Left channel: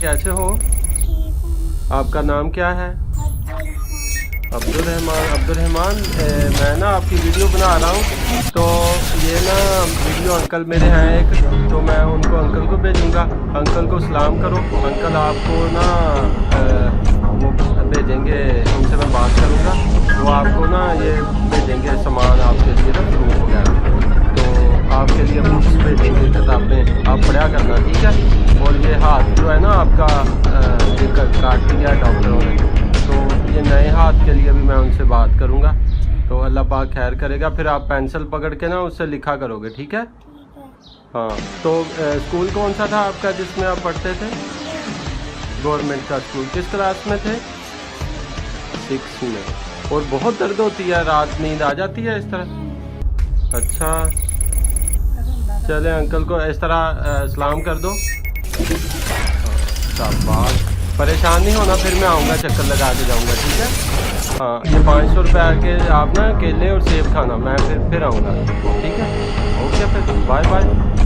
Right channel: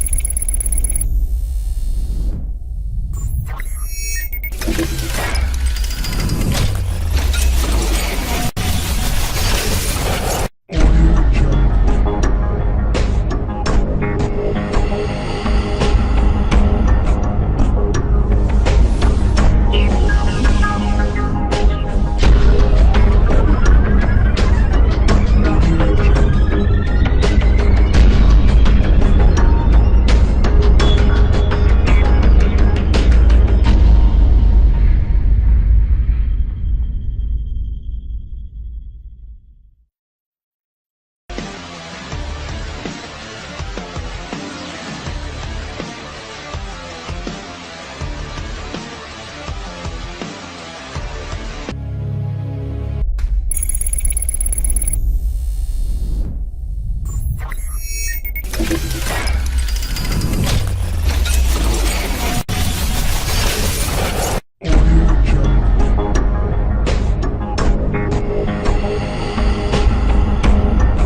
कैसे हो? आपका नाम क्या है? अब्दुल रहमान। मैं ना आपकी वीडियो बना रहा हूँ, तो ये ना वीडियो अंकल मेरे हैं एक, तो मैं उनको अंकल को भेजूँगा। अंकल को सलाम करो। अंकल आपको ना वो भेजेंगे, उनसे मैं बात करूँगा, वो आपको ना ये भेजेंगे सामान आपके लिए रखने होता है, तो आपके लिए बुक्स भेजेंगे किताबें, आप पढ़ा करना, ठीक है। और ये हाथ जो है ना आपका काट दिया है डॉक्टरों ने, तो ये नए हाथ के लिए भी मैं उनसे बात करूँगा, तो अल्लाह पाक खैर करेगा। फिर आप पेंसिल पकड़ के ना उससे लिखा करोगे, ठीक है? हाँ। तो स्कूल कौन सा था आपका जिसमें आप पढ़ते थे? गवर्नमेंट का स्कूल। किस क्लास में थे? 6th में। और बहुत दर्द होती है, रात नींद आ जाती है इस तरह? अच्छा, चले अंकल को इस तरह सलाम कर दो। शाबाश। परेशान नहीं होना, फिर मैं आऊँगा, चक्कर लगा के जाऊँगा, ठीक है? हाँ, 500 रुपये के आप ना केले और सेब खाना, मैं फिर आऊँगा, ठीक है? ओके, फिर बाय बाय।